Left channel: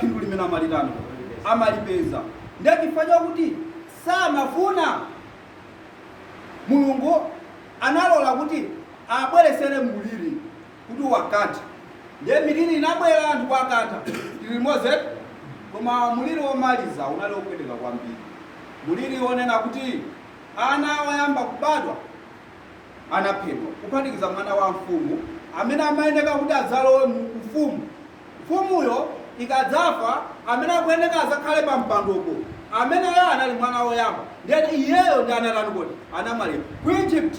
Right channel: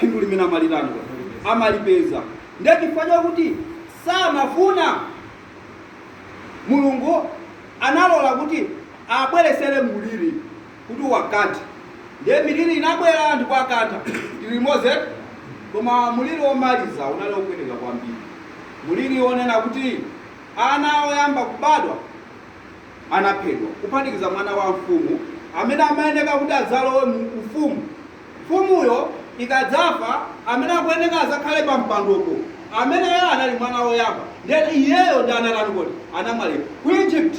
phindu limene amalipeza. Ndiye chifukwa chokuti samafuna Mulungu analola kuti abweresere muliri kuti wakati. Ndiye miliri inabwera anthu kwakatha tili limodzi, koma muliri womaliza unali wopweteka kwambiri. Muliri wonena kuti ana oyamba kubadwa anaphedwa, kuphatikiza mwana wa mfumu amene amayeneka kuti adzalowe mu ufumu. Mfumuyo ikadzafa amene akuyeneka azakhale pa mpandopo ameneyo anali mwana woyamba. Ndiye iyeyo ndi analani kuti anamwalira ku Egypt.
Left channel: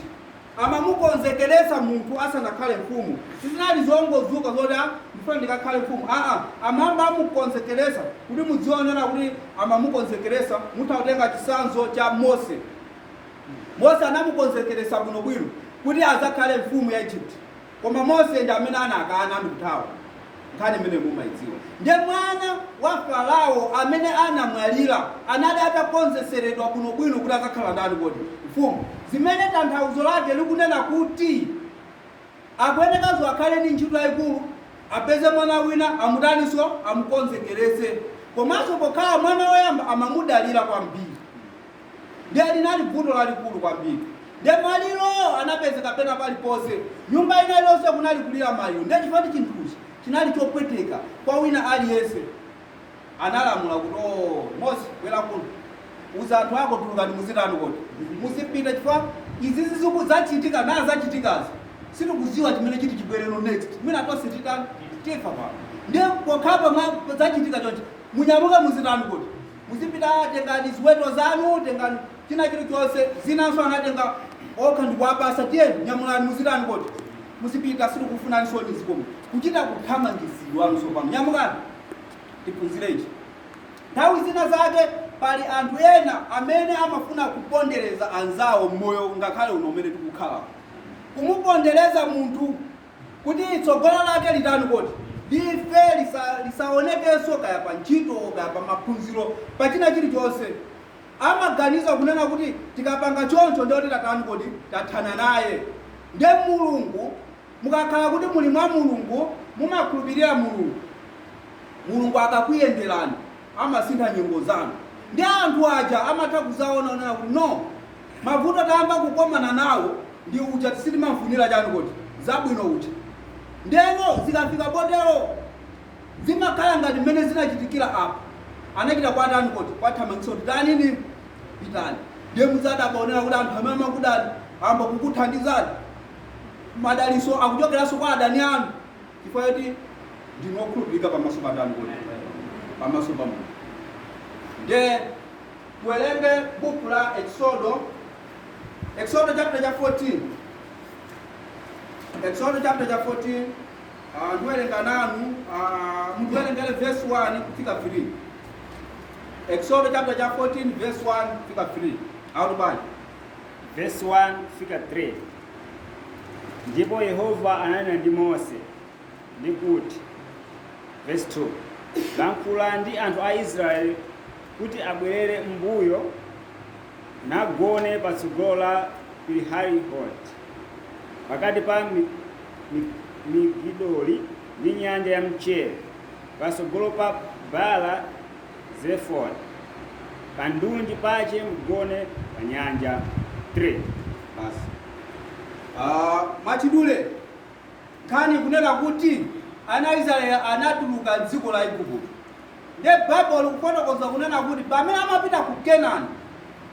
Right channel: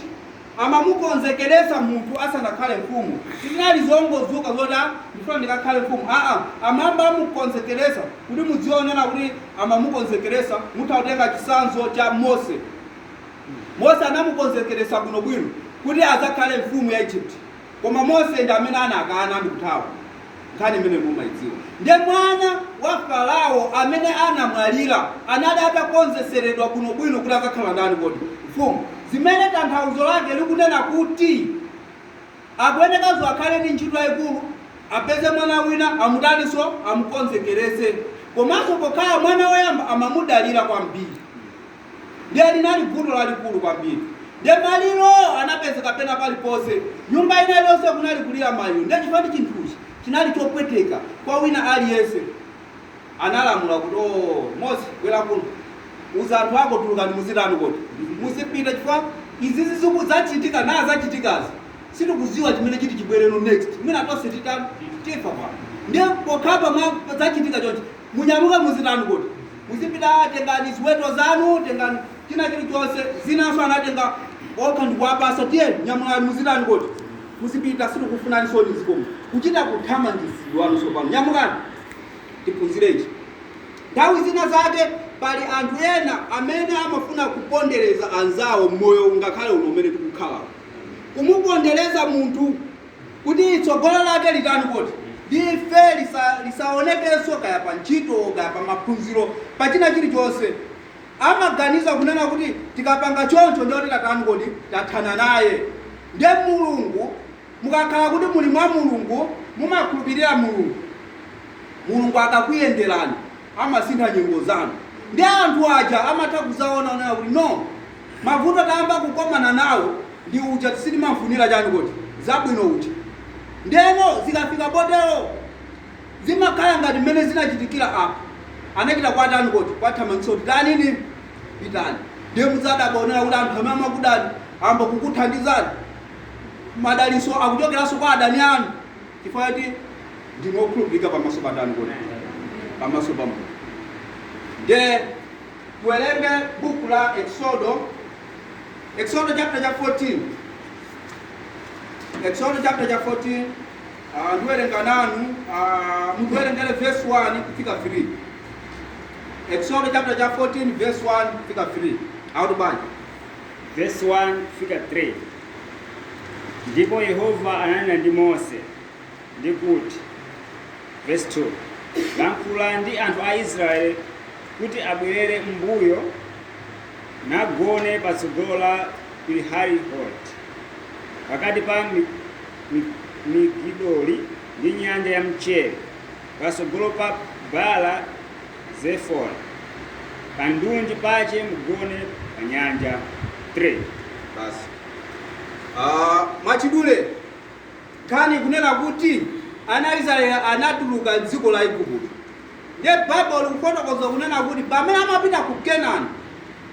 Amamukonzekeresa munthu asanakhale mfumu. Tinali zongozuka zoti ndifuna ndikakhale mfumu. Amamba amukonzekeresa kuti muzionera kuti amamukonzekeresa. Mutatenga chisanzo cha Mose. Mose anamukonzekeresa bwinobwino kuti azakhale mfumu ya Egypt. Koma Mose ndi amene anakana ndi kuthawa. Nkhani imene mumayidziwa. Ndiye mwana wa Farao amene anamwalira anali atakonzeseredwa bwinobwino kuti akakhala ndani kodi mfumu. Zimene tanthauzo lake likunena kuti akuyenekazo akhale ndi ntchito yayikulu, apeze mwana wina amutaninso amukonzekerese. Komanso pokhala mwana woyamba amamudalira kwambiri. Ndiye linali vuto lalikulu kwambiri. Ndiye maliro anapezeka pena paliponse. Nyumba ina ilonse kunali kulira maliro. Ndiye chifukwa chinthuchi chinali chopweteka kwa wina aliyense. Analamula kuti Mose bwera kuno, uza anthu ako tuluka ndi muzitani kodi musipita chifukwa izi zizuku zachitika na zachitikazi sitikuziwa chimene chiti chibwereno next. Mwina atonse titani tifa pa. Ndiye pokhapa mwa zachitika chonchi munyamuka muzitani kodi musipita tengani ziweto zanu, tengani china chilichonse. Zinanso anatenga okha ndikuwapasa tiye nyamulani muzitani kodi musipita sitikufuna nsoni zikomo kuchita kuthamangizidwa nso pano nyamukani tiphunzirechi. Nthawi zina zake pali anthu ena amene amafuna kupondereza anzawo moyo ngakhale uno umene tikukhala. Kumupondereza munthu kuti tsogolo lake litani kodi life lisaonekenso kaya pa ntchito kaya pa maphunziro pa china chilichonse. Amaganiza kunena kuti tikapanga choncho ndiyo tatani kodi tathana naye. Ndiye Mulungu mukakhala kuti muli mwa Mulungu mumakhulupirira Mulungu, Mulungu akakuyenderani amasintha nyengo zanu. Ndiye anthu aja amatha kuzaona kuti no mavuto tayamba kukomana nawo ndi uja tisitimafunira chani kodi zabwino uja. Ndeno zikafika potero zimakhala ngati mmene zinachitikira apa. Anachita kwatani kodi kwathamangitsa kuti tanini pitani. Ndiye muzadabaonera kuti anthu amene amakudani amba kukuthandizani madaliso akuchokeranso kwa adani anu chifukwa kuti ndinokhulupirika pamaso pa adani kodi pamaso pa Mulungu. Ndiye tuelenge buku la Exodo chapter 14. Exodo chapter 14 ndiwerenga nanu mukuwerengere verse 1 kufika 3. Exodo chapter 14 verse 1 kufika 3. Audubani verse 1 kufika 3. Ndipo Yehova ananena ndi Mose ndikuti, verse 2, lankhula ndi anthu a Israeli kuti abwerere mbuyo nagone patsogolo la Pihahiroti pakati pa Migidoli ndi nyanja ya Mchere patsogolo pa Baala Zefoni kandunji pache mgone pa nyanja 3. basi machidule kani kunena kuti ana Israeli anatuluka dziko la Igupto. Ndiye Bible kufotokoza kunena kuti pamene amapita ku Kenani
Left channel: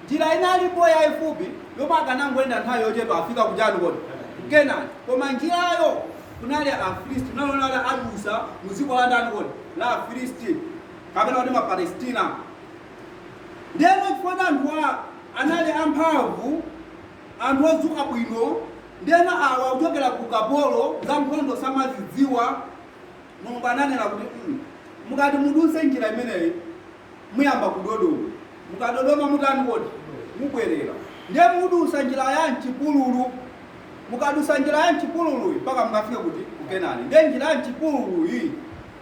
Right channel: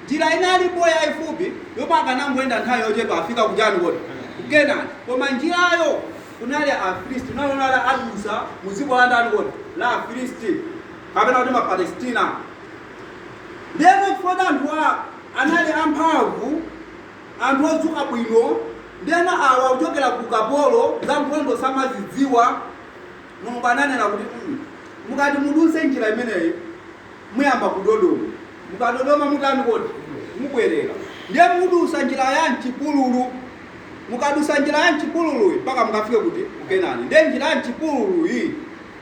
njira inalipo yayifupi yomwe akanangoyenda nthawi yochepa afika kujani kodi ku Kenani. Koma njirayo kunali Afilisti, unali adusa mu dziko la ndani kodi la Afilisti kapena kuti Mapalestina. Ndiye chifukwa anthu anali amphamvu, anthu odzuka bwino. Ndena awa kuchokera ku kapolo za nkhondo samazidziwa. Mulungu ananena kuti mukati muduse njira imeneyi muyamba kudodoma. Mukadodoma mutani kodi mubwerera. Ndiye mudusa njira ya mchipululu. Mukadusa njira ya mchipululu mpaka mukafike kuti ku Kenani. Ndiye njira ya mchipululu iyi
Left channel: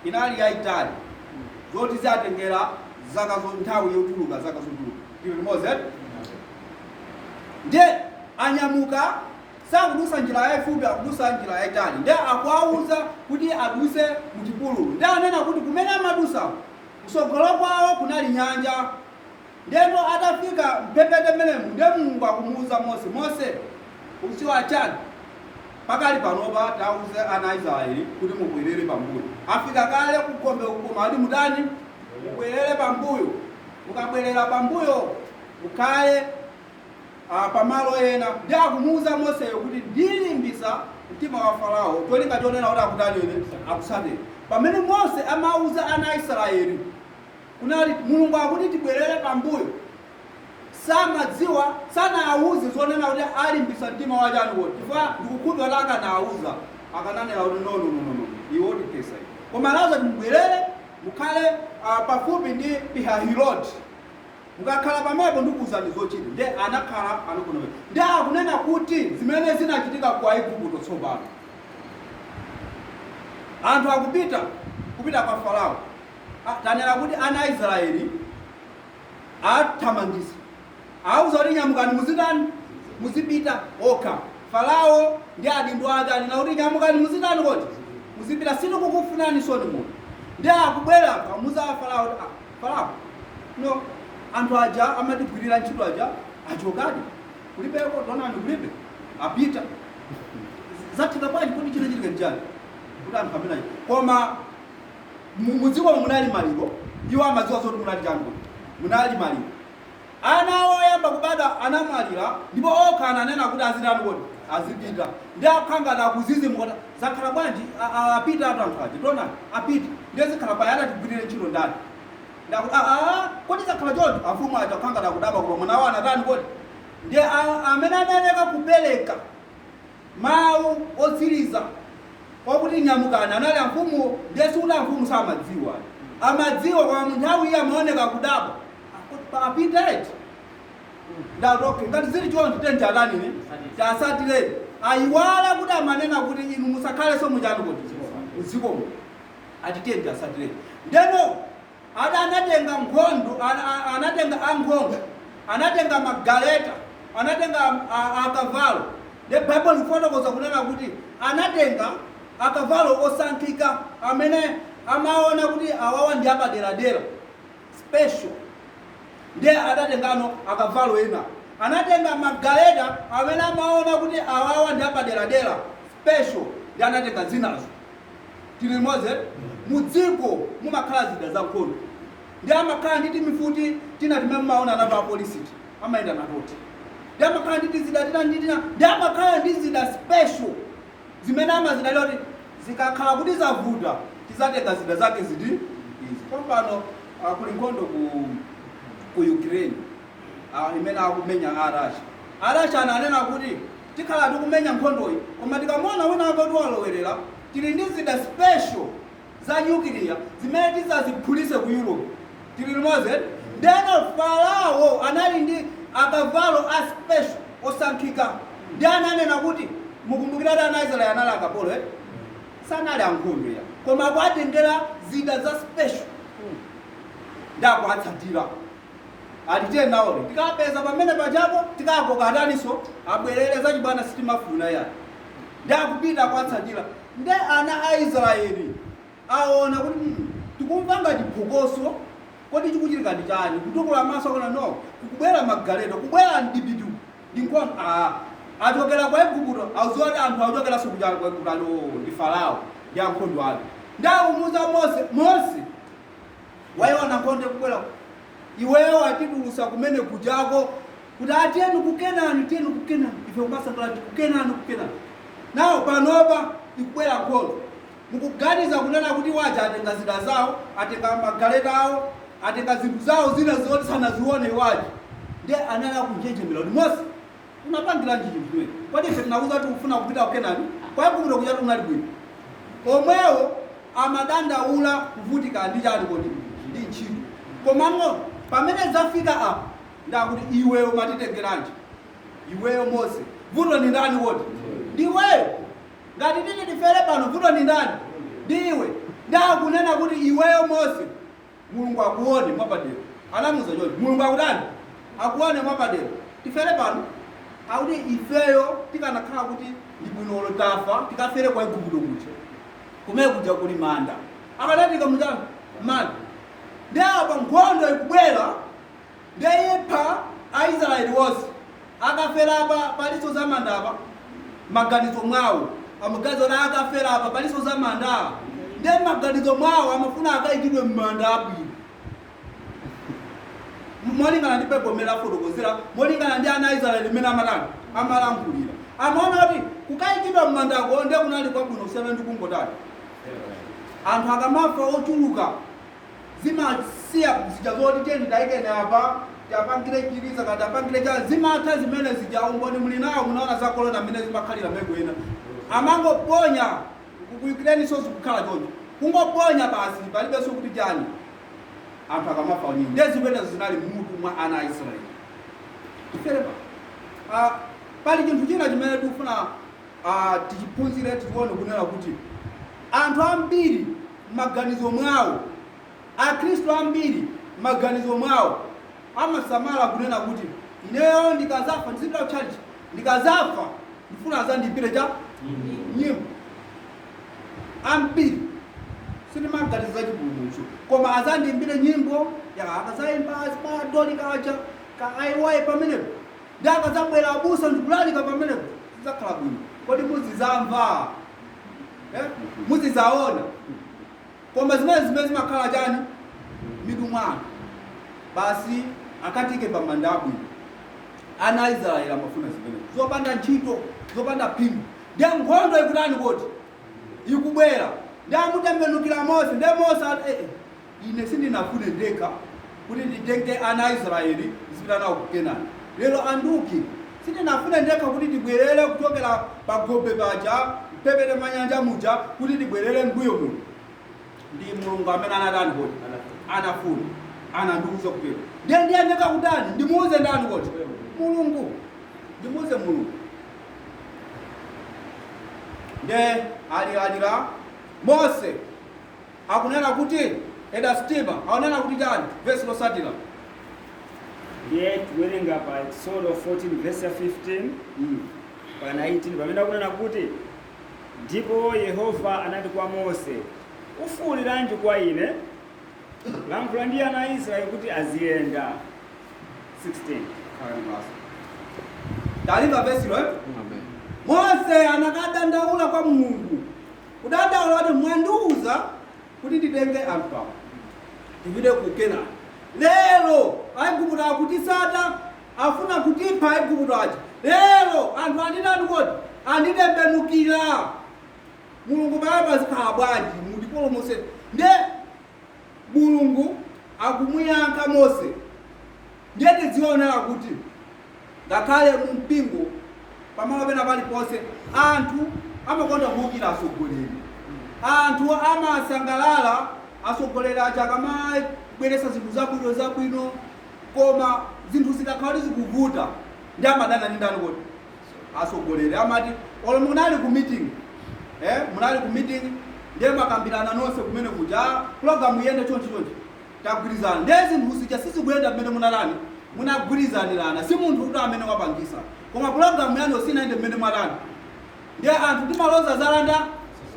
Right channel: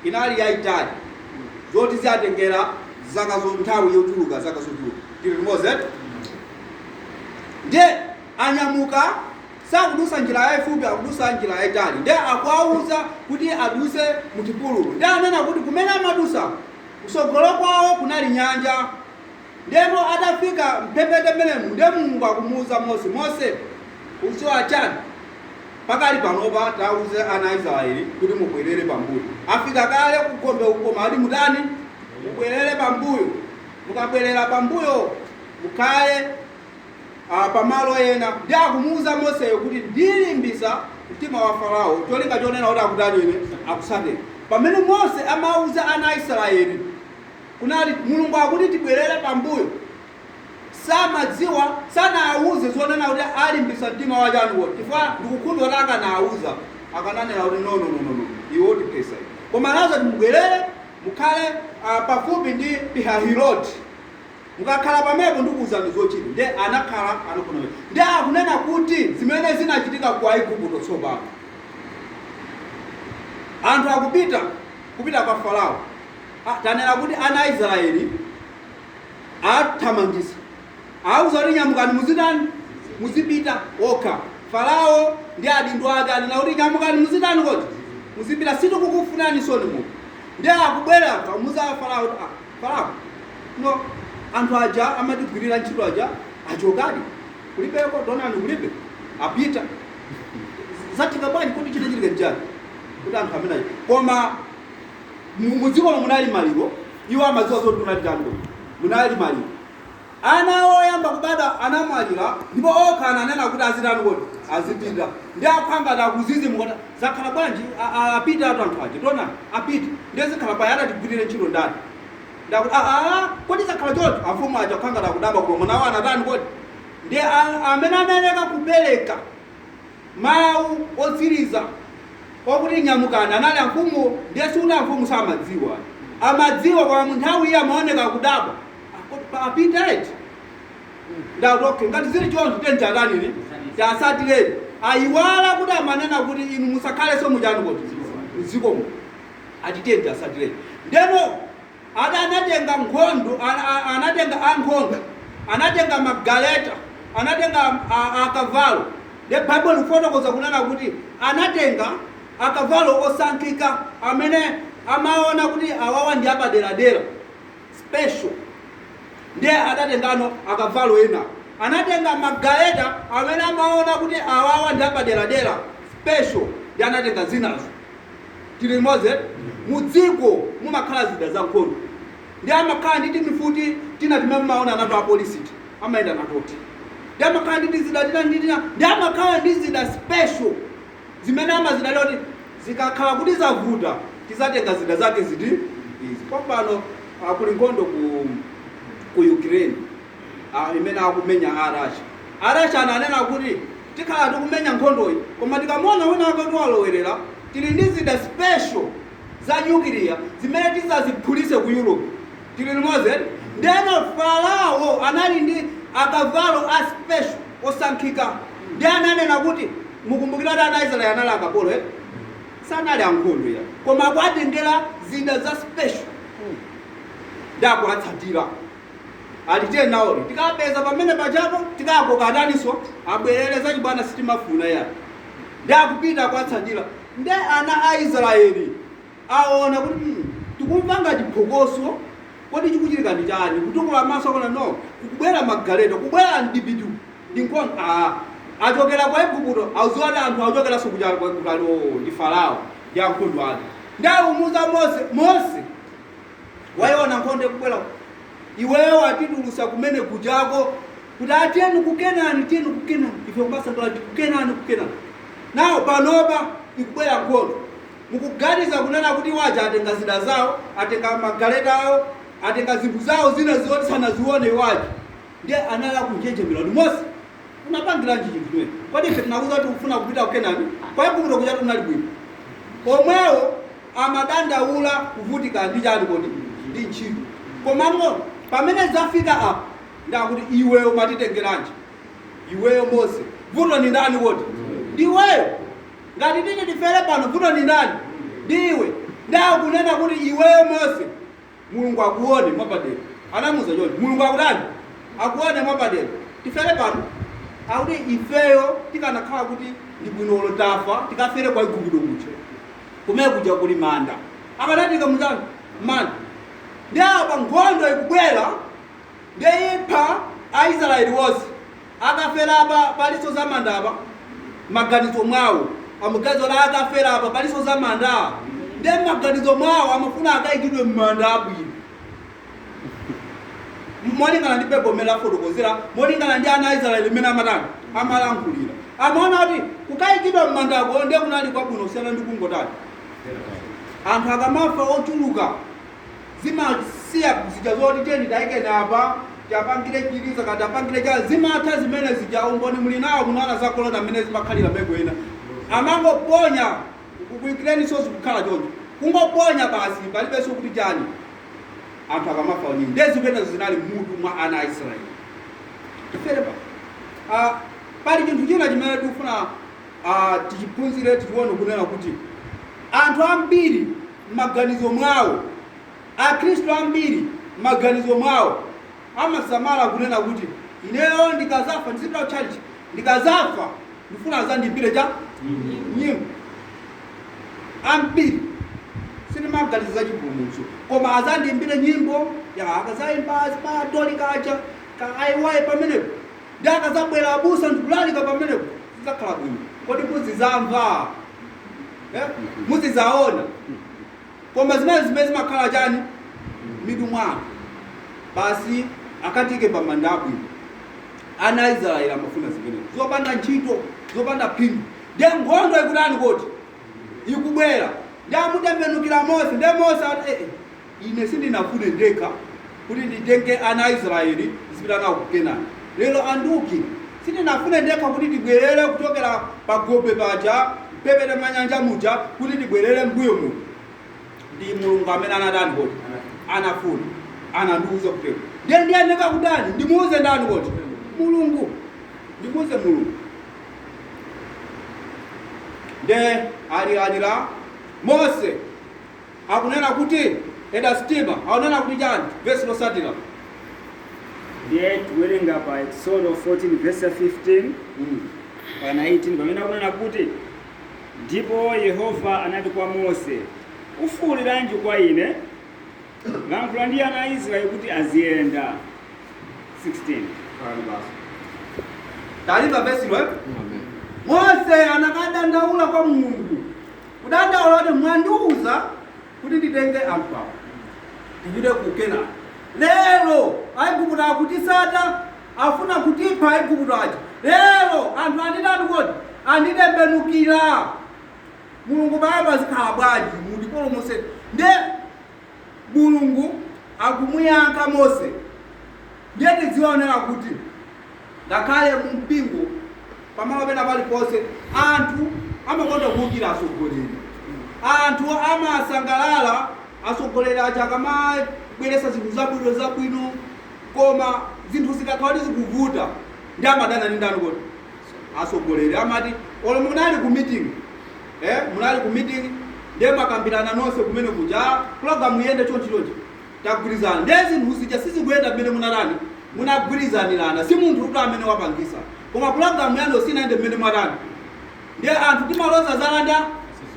inali yayitali zoti zatengera zaka zonthawi yotuluka zaka zotuluka tili limodzi. Ndiye anyamuka sakudusa njira yayifupi akudusa njira yayitali. Ndiye akuwauza kuti aduse mu chipululu. Ndiye anena kuti kumene amadusa kusogolo kwawo kunali nyanja. Ndipo atafika mphepete mmenemu ndiye Mulungu akumuwuza Mose usiwa chani pakali panopa tauze ana Israeli kuti mubwerere pambuyo. Afika kale kugombe uko mali mudani mubwerere pambuyo. Mukabwerera pambuyo mukale pamalo ena. Ndiye akumuwuza Mose kuti ndilimbisa mtima wa Farao tolinga chonena kuti akutani ine akusatira. Pamene Mose amawuza ana Israeli kunali Mulungu akuti tibwerere pambuyo, samadziwa sanawuze zonena kuti alimbisa mtima wa chani chifukwa ndikukhudwa laka nawuza akananena kuti no iwo tipesa. Koma nazo timubwerere mukhale pafupi ndi Pihahiroti. Mukakhala pamenepo ndikuwuzani zochita. Ndiye anakhala anakhona. Ndiye akunena kuti zimene zinachitika kwa Igupto tsopano. Anthu kupita kwa Farao. Tanena kuti ana Israeli athamangisa. Awuza kuti nyamukani muzitani muzipita okha. Farao ndi adindo ake anena kuti nyamukani muzitani kodi muzipita sitikukufunani soni mu. Ndiye akubwera amuza Farao Farao no anthu aja amatigwirira ntchito aja achokadi kulibeko donani kulibe apita zatika bwanji kuti chine chilike njani kuti anthu amenayo koma muziko munali maliro iwo amadziwa zoti munali chando munali maliro. Ana oyamba kubada anamwalira ndipo okha ananena kuti azitani kodi azipita. Ndiye akhanga akuzizimuka zakhala bwanji apita anthu aja donani apita ndiye zikhala bayana tigwirire ntchito ndani. Ndakuti kodi zakhala choncho afumu aja khanga dakudaba koma nawo anatani kodi. Ndiye amene ameneka kupereka mawu otsiriza okuti nyamukani anali amfumu. Ndiye siuti amfumu samadziwa amadziwa kwa nthawi iya amaoneka kudaba apita eti. Ndakuti ngati zili choncho tenjatanini tasatireni ayiwala kuti amanena kuti inu musakhale so mujani kodi mzikomo atitenja asatireni. Ndeno anatenga nkhondo anatenga ankhondo anatenga magaleta anatenga akavalo. The Bible ifotokoza kunena kuti anatenga akavalo osankhika amene amaona kuti awawa ndi apaderadera special. Ndiye adatengano akavalo ena anatenga magaleta amene amaona kuti awawa ndi apaderadera special. Ndiye anatenga zinazo tili moze mudziko mumakhala zida za nkhondo. Ndiye amakhala ndi timifuti tina timene maona na pa police amaenda natoti. Ndiye amakhala ndi zida tina ndiye amakhala ndi zida special zimene amazidalira kuti zikakhala kuti zavuta tizatenga zida zake zidi izi. Kopano kuli nkhondo ku Ukraine imene akumenya Russia ananena kuti tikhala tikumenya nkhondoyi koma tikamona wina akati walowerera tili ndi zida special za nuclear zimene tizaziphulise ku Europe tili limoze. Ndeno Farao anali ndi akavalo a special osankhika. Ndiye ananena kuti mukumbukira kuti ana Israeli anali akapolo sanali ankhondo ya koma kwatengera zida za special ndakuatsatira atitenawolo tikapeza pamene pachapo tikakoka ataniso abwerere zachibwana sitimafuna ya ndakupita kwatsatira. Nde ana a Israeli aona kuti tikumva ngati phokoso kodi chikuchitika ndi chani kutukula maso akona no kubwera magaleta kubwera ndibidu ndinkhondo achokera kwa Igupto auziona anthu achokera sukujala kwa Igupto ndi Farao ndi ankhondo ake. Ndiye umuza Mose waiona nkhondo kubwera iweyo atidulusa kumene kujako kuti atiyeni kukenani ife mbasangala kukenani nawo panopa ikubwera nkhondo mukuganiza kunena kuti waja atenga zida zawo atenga magaleta awo atenga zinthu zawo zina zoti sanazione waja. Ndiye anala kunjenjemera kuti Mose unapangira njiji mtume kodi ife tinauza kuti ufuna kupita kukenani kwa Igupto kuja tunali bwino omwewo amadandaula kuvutika ndi chani kodi ndi ntchito. Koma pamene zafika apa ndakuti iweyo matitengeranji iweyo Mose vuto ni ndani woti ndiweyo ngati tini tifere pano vuto ni ndani ndiwe. Ndakunena kuti iweyo Mose Mulungu akuone mwapadera anamuza choncho Mulungu akudani akuone mwapadera tifere pano akuti ifeyo tikanakhala kuti ndi bwinolo tafa tikafere kwa Igupto kuja kumene kuja kuli manda akanatika muzanga manda ndi apa nkhondo ikubwera ndeyipha Aisraeli wonse akafera apa paliso za manda apa maganizo mwawo amugazo na akafera apa paliso za manda ndi maganizo mwawo amafuna akayikidwe mmanda abwino molingana ndi pegomera fotokozera molingana ndi ana Aisraeli mena amatani amalankhulira amaona kuti kukayikidwa mmandako ndiye kunali kwabwino kusiyana ndi kungotani anthu akamafa ochuluka zimasiya zija zoti tiyeni tayikeni apa tapangire chiliza kati apangire cha zimatha zimene zija umboni muli nawo munaona zakolona mmene zimakhalira megwena amangoponya kukuyikireni sozi kukhala choncho kungoponya basi palibenso kuti chani anthu akamafa nyingi ndi zimene zinali mutu mwa ana Aisraeli tiferepa pali chinthu china chimene tikufuna tichiphunzire tichione kunena kuti anthu ambiri maganizo mwawo akhristu ambiri maganizo mwawo amasamala kunena kuti ineyo ndikazafa ndizipita kuchalichi ndikazafa ndifuna azandiimbire cha nyimbo ambiri sinimaganizo za chipulumutso koma azandiimbire nyimbo akazayimba azipatolikacha kaiwaye pamenepo ndi akazabwera abusa ndikulalika pamenepo zizakhala bwino kodi muzizamva muzizaona koma zimene zimakhala chani midu mwanu basi akatike pamanda abwino ana Aisraeli amafuna zimene zopanda ntchito zopanda phindu ndi nkhondo ikutani koti ikubwera ndi amutembenukira Mose ndi Mose ine sindinafune ndekha kuti nditenge ana Aisraeli zipita nawo ku Kenani lero anduki sindinafune ndekha kuti tibwerere kuchokera pagobe paja pepete manyanja muja kuti tibwerere mbuyo muno ndi mulungu amene anadani koti anafuna anandiuza kutero ndiye ndeka kudani ndimuuze ndani koti mulungu ndimuuze mulungu nde alira Mose akunena kuti eda stima akunena kuti chani verse losatira ndiye tiwerenga pa Exodus 14 verse 15 pa 19 pamene akunena kuti ndipo Yehova anati kwa Mose ufuuliranji kwa ine lankhula ndi ana Israeli kuti aziyenda 16 talimba verse lo Mose anakadandaula kwa Mulungu kudandaula kuti mwandiuza kuti nditenge anthu awa ndipite ku Kenani lero Aigupto akutisata afuna kutipha Aigupto aja lero anthu andidani kodi anditembenukira Mulungu baba zikhala bwanji mundipulumutse nde Mulungu akumuyankha Mose ndiye tidzionera kuti ngakhale ku mpingo pamene pena paliponse anthu amakonda kuwukira atsogoleri anthu amasangalala atsogoleri aja akamabweresa zinthu zabwino koma zinthu zikakhala zikuvuta ndi amadana ndi ndani kodi atsogoleri amati olo munali ku meeting munali ku meeting ndiye makambirana nonse kumene kuja program iyende chonchi tagwirizana ndiye zinthu zija sizikuyenda mmene munalani munagwirizanirana si munthu kuti amene wapangisa koma program yanu sinaende mmene mwalani ndiye anthu timaloza zalanda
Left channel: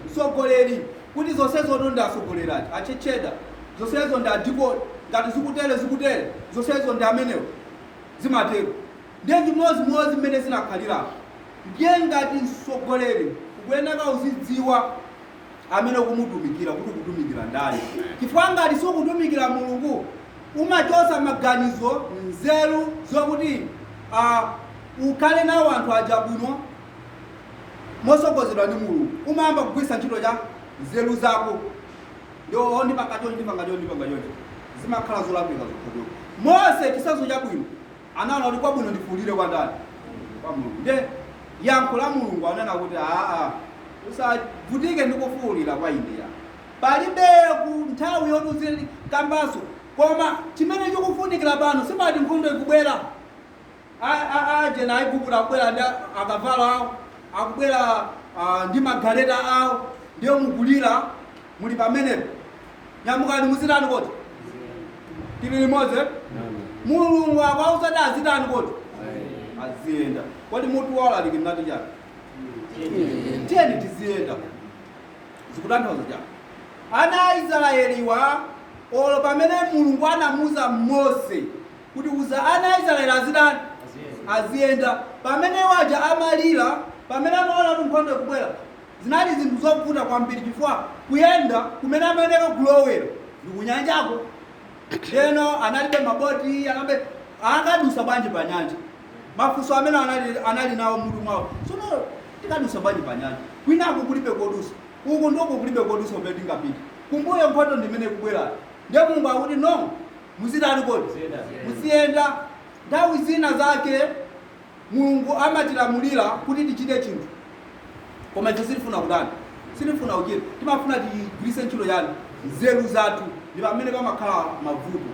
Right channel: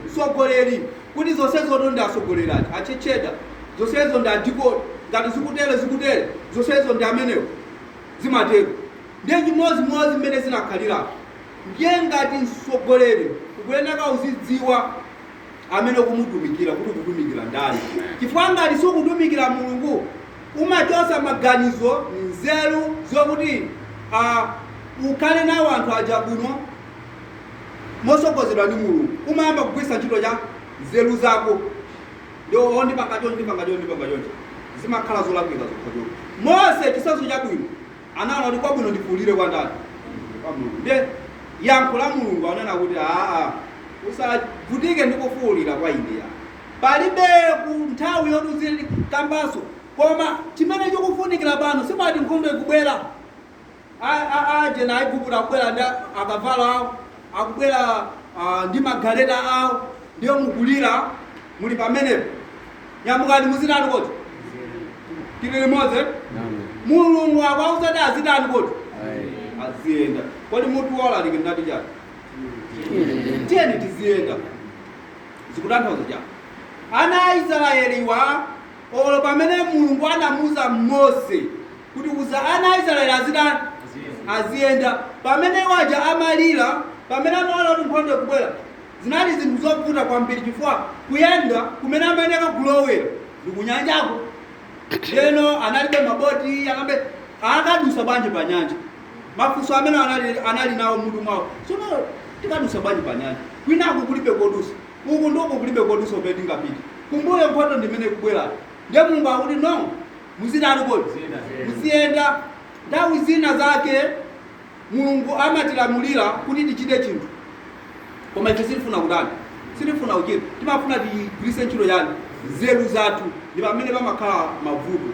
mtsogoleri kuti zonsezo ndi atsogoleri ati achecheda zonsezo ndi adikoni ngati zikutere zonsezo ndi amenewo zimatero ndiye chimozimozi mmene zinakhalira ndiye ngati mtsogoleri ukuyeneka uzidziwa amene ukumutumikira kuti ukutumikira ndani chifukwa ngati sikutumikira Mulungu umachosa maganizo nzeru zokuti ukhale nawo anthu aja bwino mosogozedwa ndi Mulungu umayamba kugwisa ntchito cha nzeru zako ndio ndipanga chonchi zimakhala zolakwika zokhazo Mose chisazo chabwino anaona kuti kwabwino ndifuulire kwa ndani kwa Mulungu ndiye yankho la Mulungu anena kuti usavutike ndikufuulira kwa ineya palibe ku nthawi yotuzili kambaso koma chimene chikufunikira pano simati nkhondo ikubwera aje na Aigupto akubwera ndi akavalo awo akubwera ndi magaleta awo ndiyo mukulira muli pamenepo nyamukani muzitani koti tili limodzi Mulungu akwausati azitani koti aziyenda kodi mutu wolalikidwa ndati chani tiyeni tiziyenda zikutanthauza chani ana Aisraeliwa olo pamene mulungu anamuza Mose kuti uza ana Israeli aziyenda pamene waja amalira pamene anaona kuti nkhondo ikubwera zinali zinthu zovuta kwambiri chifukwa kuyenda kumene amayenera kulowera ndi kunyanjako leno analibe maboti akadusa bwanji pa nyanja mafunso amene anali nawo mutu mwawo sono tikadusa bwanji pa nyanja kwinako kulibe kodusa uku ndiko kulibe kodusa umene tingapita kumbuyo nkhondo ndimene kubwera ndiye mulungu akuti no muzidani kodi muziyenda nthawi zina zake mulungu amatilamulira kuti tichite chinthu koma ife sitifuna kudani sitifuna uchita timafuna tigwiritse ntchito yani nzeru zathu ndi pamene pamakhala mavuto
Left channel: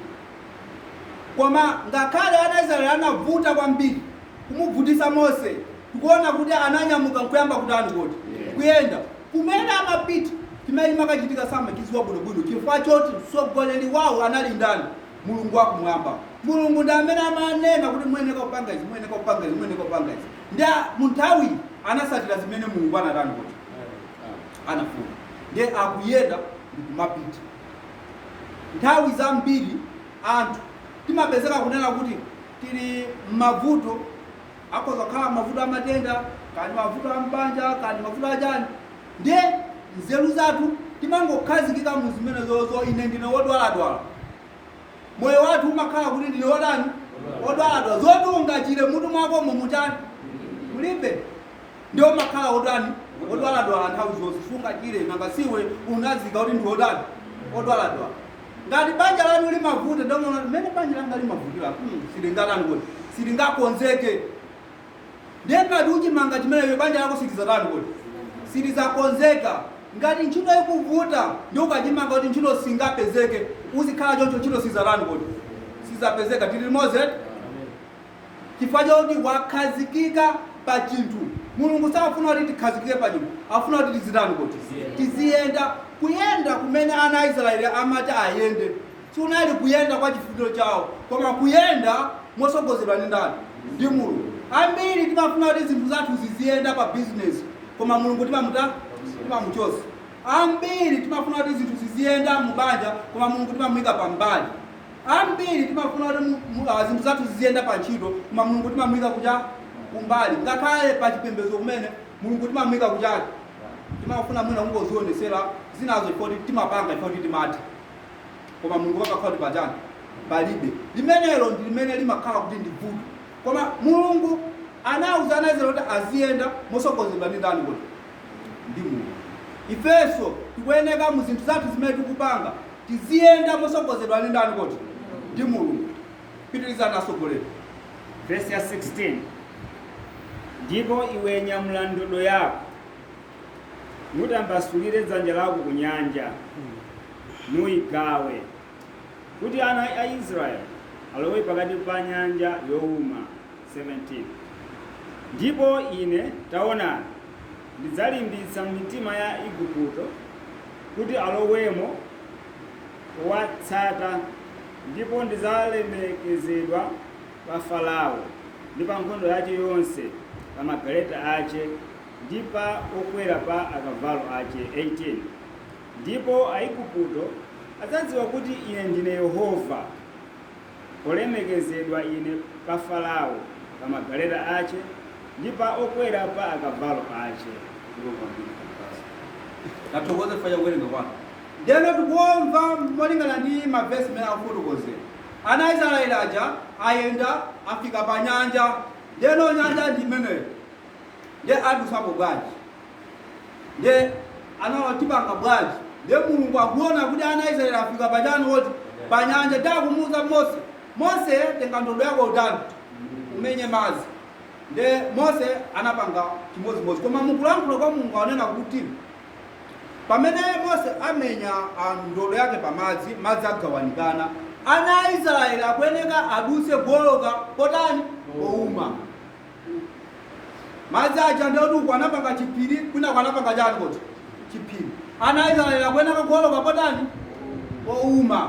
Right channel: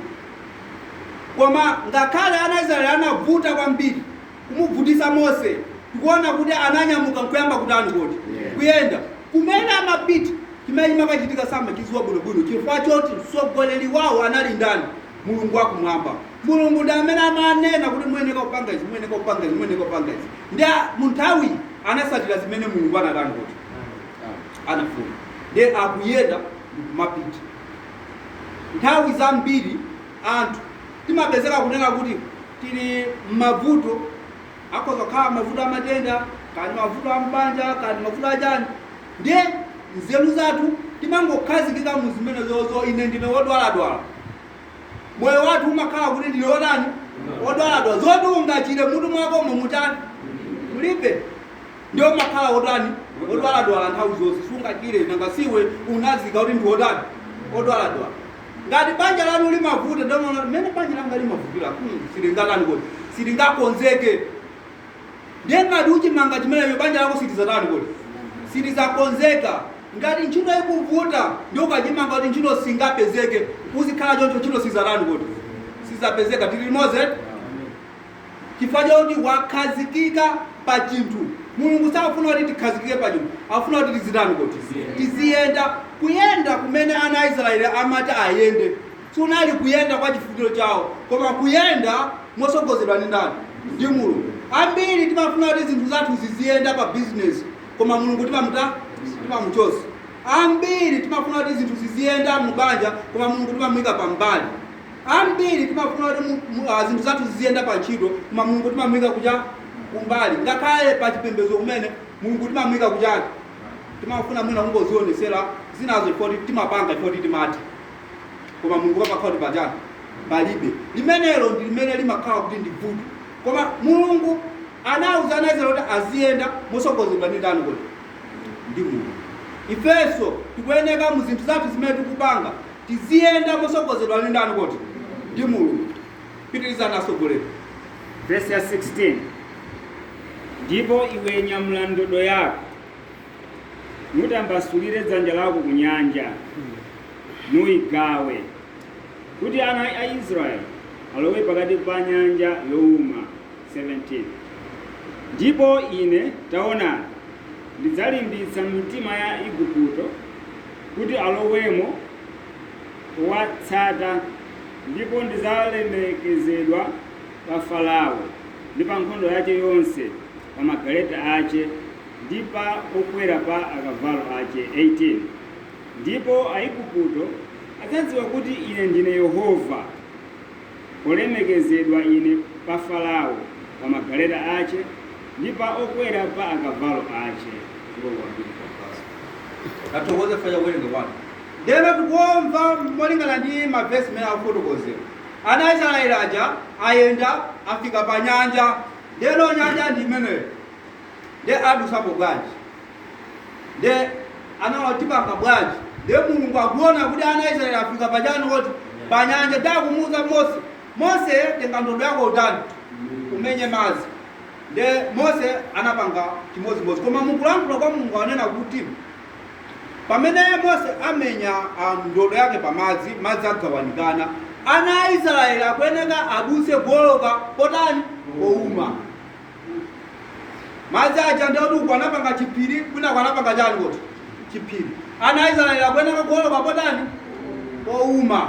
koma ngakhale ana Israeli anavuta kwambiri kumuvutisa Mose tikuona kuti ananyamuka nkuyamba kudani kodi kuyenda kumene amapita chimene chimakachitika samachiziwa bwinobwino chifukwa choti mtsogoleri wawo anali ndani mulungu wakumwamba mulungu ndi amene amanena kuti muyeneka kupanga izi muyeneka kupanga izi muyeneka kupanga izi ndi munthawi anasatira zimene mulungu anadani kuti anafuna ndi akuyenda ndikumapita nthawi zambiri anthu timapezeka kunena kuti tili m'mavuto akhoza kukhala mavuto amatenda kani mavuto ambanja kani mavuto achani ndiye nzeru zathu timangokhazikika mu zimene zozo ine ndine wodwaladwala moyo wathu umakhala kuti ndine wodani wodwaladwala zoti ungachire mutu mwakomo mutani mulibe ndiyo makhala wodani wodwaladwala nthawi zonse sungachire nangasiwe unazika kuti ndi wodani wodwaladwala ngati banja lanu limavuta ndomona mmene banja langa limavutira silingakani kodi silingakonzeke ndiye ngati uchimanga chimeneyo banja lako silizadani kodi silizakonzeka ngati ntchito ikuvuta ndi ukachimanga kuti ntchito singapezeke uzikhala choncho ntchito sizadani kodi sizapezeka tili limodzi chifukwa choti wakhazikika pa chinthu mulungu safuna kuti tikhazikike pa chinthu afuna kuti tizidani kodi tiziyenda kuyenda kumene ana Israeli amati ayende sunali kuyenda kwa chifuniro chawo koma kuyenda mosogozedwa ndi ndani ndi mulungu ambiri timafuna kuti zinthu zathu ziziyenda pa business koma mulungu timamuchosa ambiri timafuna kuti zinthu ziziyenda mubanja koma mulungu timamuyika pa mbali ambiri timafuna kuti zinthu zathu ziziyenda pa ntchito koma mulungu timamuyika kuja kumbali ngakhale pa chipembedzo kumene mulungu timamuyika kujaki timafuna mwina kungozionesera zinazo ifoti timapanga ifoti timati koma mulungu pakakhala kuti pajani palibe limenelo ndi limene limakhala kuti ndi vuto koma mulungu anawuza ana Israeli kuti aziyenda mosogozedwa ndi ndani kuti ndi mulungu ifenso tikuyeneka mu zinthu zathu zimene tikupanga tiziyenda mosogozedwa ndi ndani kuti ndi mulungu pitiriza nasogolera verse ya 16 ndipo iwe nyamula ndodo yako mutambasulire dzanja lako ku nyanja nuyigawe kuti ana a Israeli alowe pakati pa nyanja yowuma 17 ndipo ine taonani ndidzalimbitsa mitima ya Igupto kuti alowemo kuwatsata ndipo ndidzalemekezedwa pa Farao ndi pa nkhondo yace yonse pa magaleta ace ndi pa okwera pa akavalo ace 18 ndipo Aigupto adzadziwa kuti ine ndine Yehova polemekezedwa ine pa Farao pa magaleta ace ndi pa okwera pa akavalo ace katokoze fanya werenga bwana ndeno tikuomva molingana ndi mavesi mene akufotokozera ana Israeli aja ayenda afika pa nyanja ndeno nyanja ndi imeneyo nde adusapo bwanji nde anawatipanga bwanji nde mulungu akuona kuti ana Israeli afika pajani woti pa nyanja dakumuza Mose tenga ndodo yako utani umenye mazi nde Mose anapanga chimodzimodzi koma mukulankhula kwa mulungu anena kuti pamene Mose amenya ndodo yake pamadzi madzi agawanikana ana Israeli akuyeneka aduse goloka potani pouma madzi aja ndoduku anapanga chipiri kwina kwanapanga chani kuti chipiri ana Israeli akuyeneka goloka potani pouma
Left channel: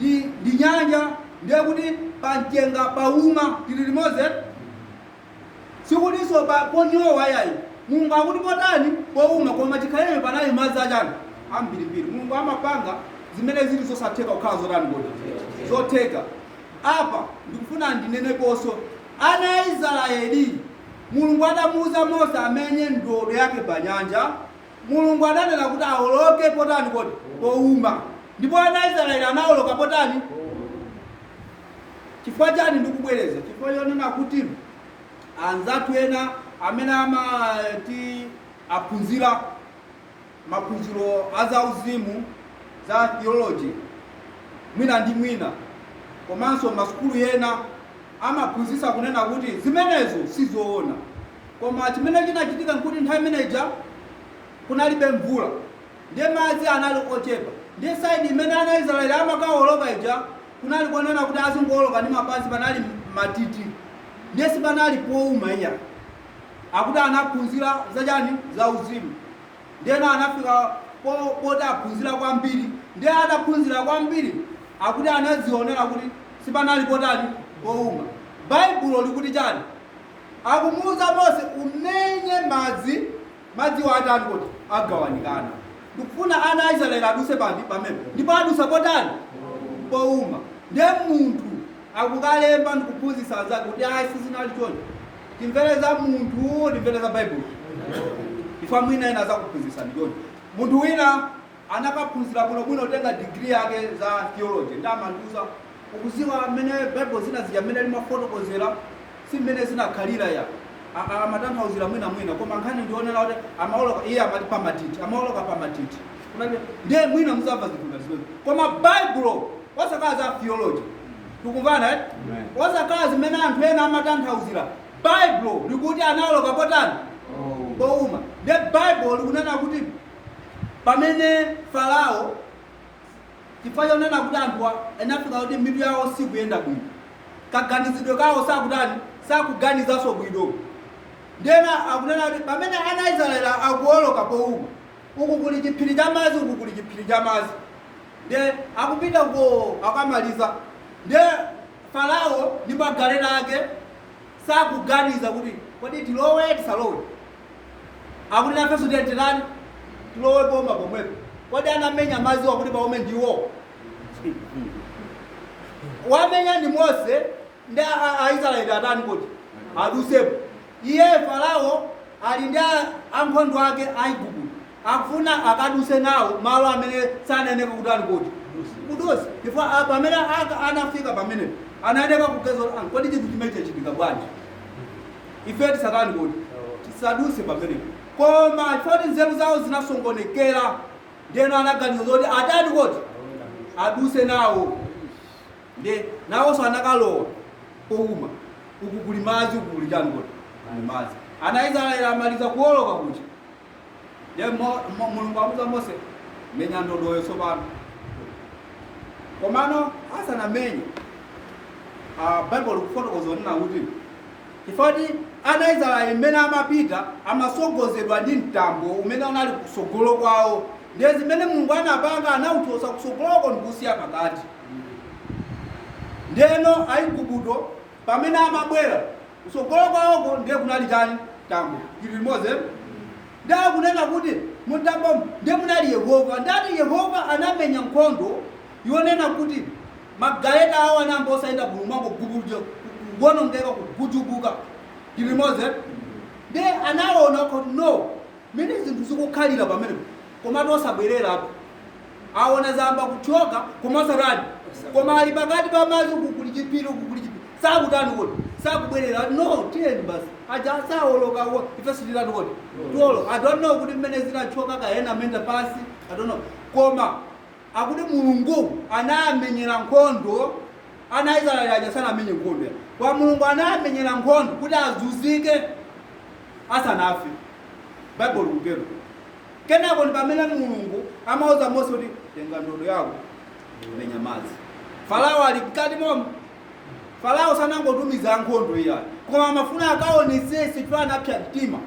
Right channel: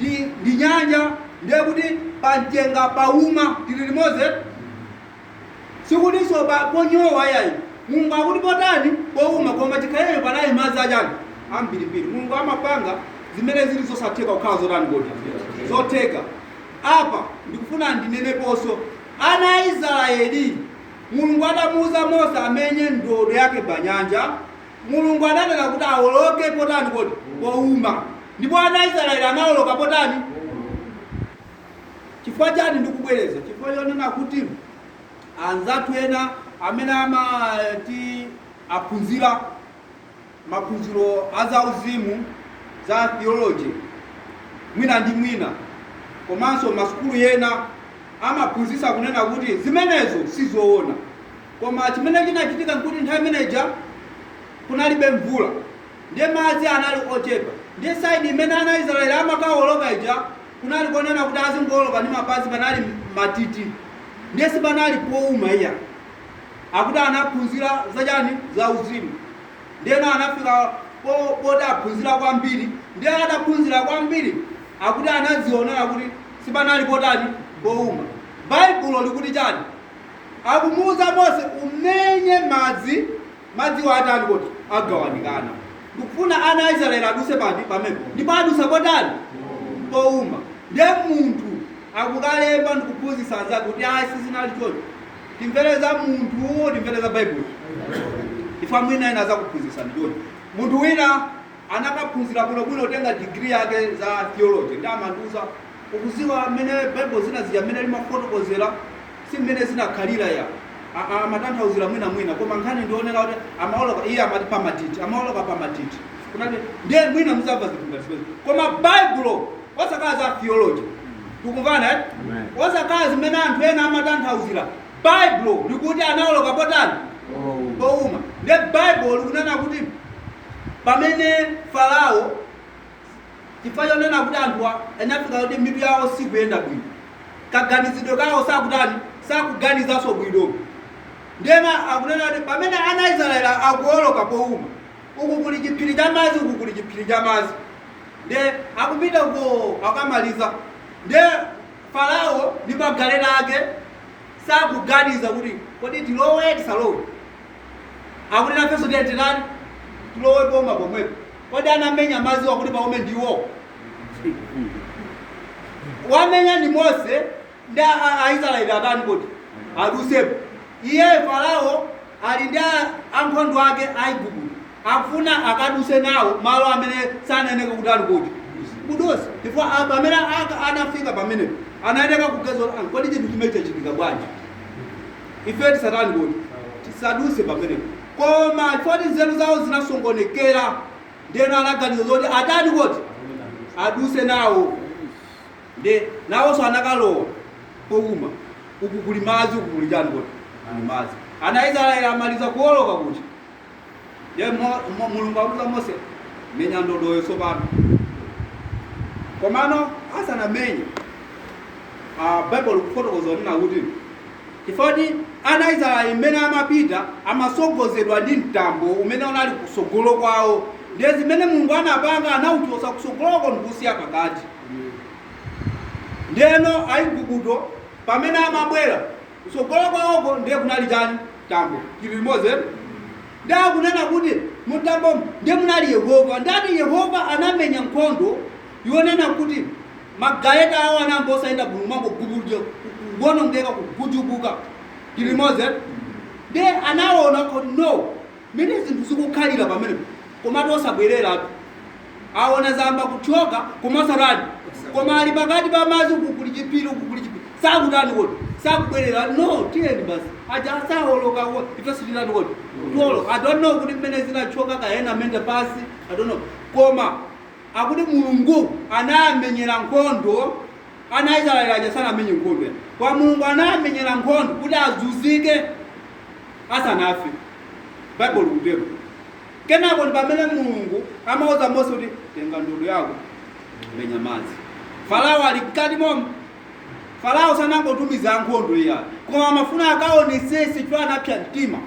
ndi nyanja ndiye kuti panjenga pauma tili limodzi sikudiso ponyowa yayi mulungu akuti potani pouma koma chikhalire panali madzi achani ambirimbiri mulungu amapanga zimene zili zosatheka kukhala zotani kodi zotheka. Apa ndikufuna ndineneponso ana a Israeli Mulungu adamuuza Mose amenye ndodo yake pa nyanja. Mulungu adanena kuti awoloke potani kodi powuma, ndipo ana a Israeli anawoloka potani. Chifukwa chani ndikubwereza? Chifukwa chonena kuti anzathu ena amene amati aphunzira maphunziro azauzimu za theology mwina ndi mwina, komanso masukulu ena amaphunzitsa kunena kuti zimenezo sizoona. Koma chimene chinachitika nkuti nthawi imeneja kunalibe mvula, ndiye madzi anali ochepa, ndiye saidi imene ana Israeli amakawoloka ija kunali konena kuti azingoloka ndi mapazi panali matiti, ndiye sipanali powuma iya. Akuti anaphunzira zachani za uzimu, ndiye anafika poti aphunzira kwambiri, ndiye adaphunzira kwambiri akuti anazionera kuti sipanali potani powuma. Baibulo likuti chani? Akumuuza Mose umenye madzi watani kuti agawanikana. Ndikufuna ana a Israeli aduse pamene ndipo adusa potani powuma. Ndiye munthu akukalemba ndikuphunzitsa anzake kuti ayi sizinali choncho. Timvereza munthu, timvereza Baibulo. Ifa mwina ena azakuphunzitsa ndichoncho. Munthu wina anakaphunzira bwinobwino utenga degree yake za theology, ndi amandiuza ukuziwa amene Bible zina zija amene limafotokozera si mmene zinakhalira ya amatanthauzira mwina koma nkhani ndionera kuti amawoloka iye amati pamatiti, amawoloka pamatiti. Ndiye mwina muzamva zinthu ngati zimenezo. Koma Baibulo osakhala za theology, tikumvana eh? Osakhala zimene anthu ena amatanthauzira. Baibulo likuti anawoloka potani powuma. Ndiye Baibulo likunena kuti pamene Farao chifukwa chonena kuti anthu anafika kuti mitu yawo sikuyenda bwino, kaganizidwe kawo sakutani sakuganizanso bwino. Ndena akunena kuti pamene ana Israeli akuwoloka powuma, uku kuli chiphiri cha madzi, uku kuli chiphiri cha madzi, ndiye akupita ko akamaliza, ndiye Farao ndi magaleta ake sakuganiza kuti kodi tilowe tisalowe. Akuti nafenso tiyenderani tilowe powuma pomwepo, kodi anamenya madzi wakuti paume ndiwo. Wamenya ni Mose ndi Aisraeli atani kuti adusepo. Iye Farao ali ndi ankhondo ake Aigupto, akufuna akaduse nawo malo amene saneneka kuti ali kuti kudusa. Ndipo pamene anafika pamene anayeneka kugezo kodi chinthu chimene chachitika bwanji, ife tisatani kuti tisaduse pamene. Koma chifukwa nzeru zawo zinasongonekera, ndiyeno anaganiza kuti atani kuti aduse nawo. Ndiye nawonso anakalowa powuma, uku kuli madzi, uku kuli chani kuti madzi. Ana Israeli amaliza kuwoloka kuti ndiye Mulungu akuza Mose menya ndodoyo tsopano. Komano asanamenye Bible kufotokoza nina kuti chifukwa ana Israeli mmene amapita amasogozedwa ndi mtambo umene unali kusogolo kwawo, ndiye zimene Mulungu anapanga anauchosa kusogoloko ndikusiya pakati. Ndiyeno Aigupto pamene amabwera kusogolo kwawoko ndiye kunali chani mtambo chili limodzi. Ndiye akunena kuti mtambo ndiye munali Yehova, ndati Yehova anamenya nkhondo yonena kuti magaleta awo anambo osayenda bulumango gubujo kuwonongeka kugujubuka chili limodzi. Ndiye anaona kuti no, mene zinthu zikukhalira pamene koma tosabwerera aona zamba kuchoka komosarani, koma ali pakati pa madzi, kukuli chipiri, kukuli chipiri, sakutani kuti sakubwerera. No, tiyeni basi aja asawoloka ife sitirani kuti tuwoloka. I don't know kuti mmene zinachoka kaena menda pasi, I don't know. Koma akuti Mulungu anamenyera nkhondo ana Israeli aja sanamenye nkhondo, kwa Mulungu anamenyera nkhondo kuti azuzike asanafe. Bible kutero. Kenako pamene Mulungu amauza Mose kuti tenga ndodo yako menya madzi. Farao ali mkati momwe. Farao sanangotumiza nkhondo iya, koma amafuna akaonesese kuti anapsa mtima.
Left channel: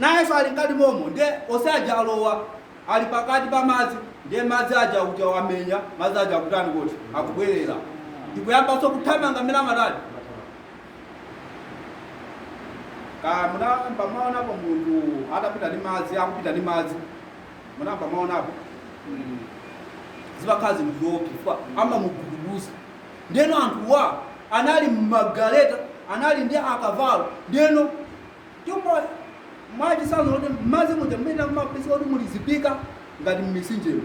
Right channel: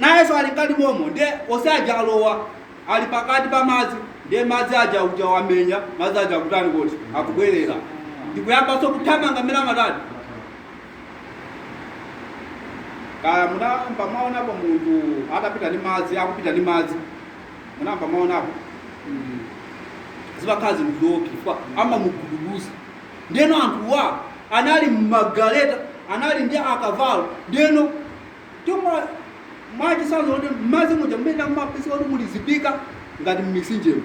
Nayenso ali mkati momwe, ndiye osaja alowa ali pakati pa madzi, ndiye madzi aja uja wamenya, madzi aja kutani kuti akubwerera. Ndikuyambanso kuthamanga mmene amatani. Kaya munamba maonapo munthu atapita ndi madzi, akupita ndi madzi, munamba maonapo zimakhala zinthu zoopsa chifukwa amamugudubuza. Ndeno anthuwa anali mmagaleta, anali ndi akavalo. Ndeno chomwe mwachisanzo kuti m'madzi muja mmene mumapeza kuti muli zipika ngati m'mitsinjemo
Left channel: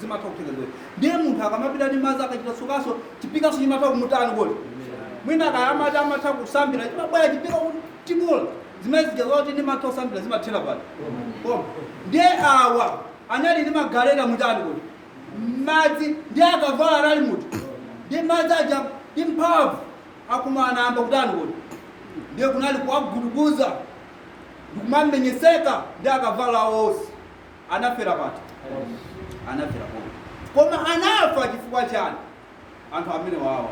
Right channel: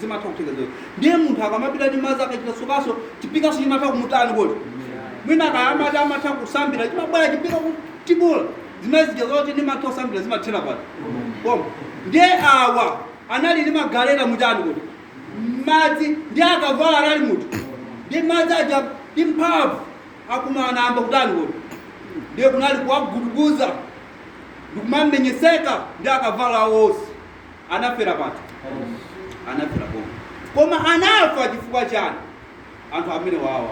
zimatha kutheka zonse. Ndiye munthu akamapita ndi madzi akachita sukaso chipikaso chimatha kumutani kuti mwina akayamati amatha kusambira chimabwera chipika kutibula zimene zija zoti ndimatha kusambira zimathera pati koma. Ndiye awa anali ndi magaleta mutani kuti madzi ndi akavalo anali muti ndi madzi aja ndi mphamvu akumana amba kutani kuti ndiye kunali kuwagudubuza ndikumamenyeseka ndi akavalo awo onse. Anafera pati anafera koma anafa chifukwa chani anthu amene wawa.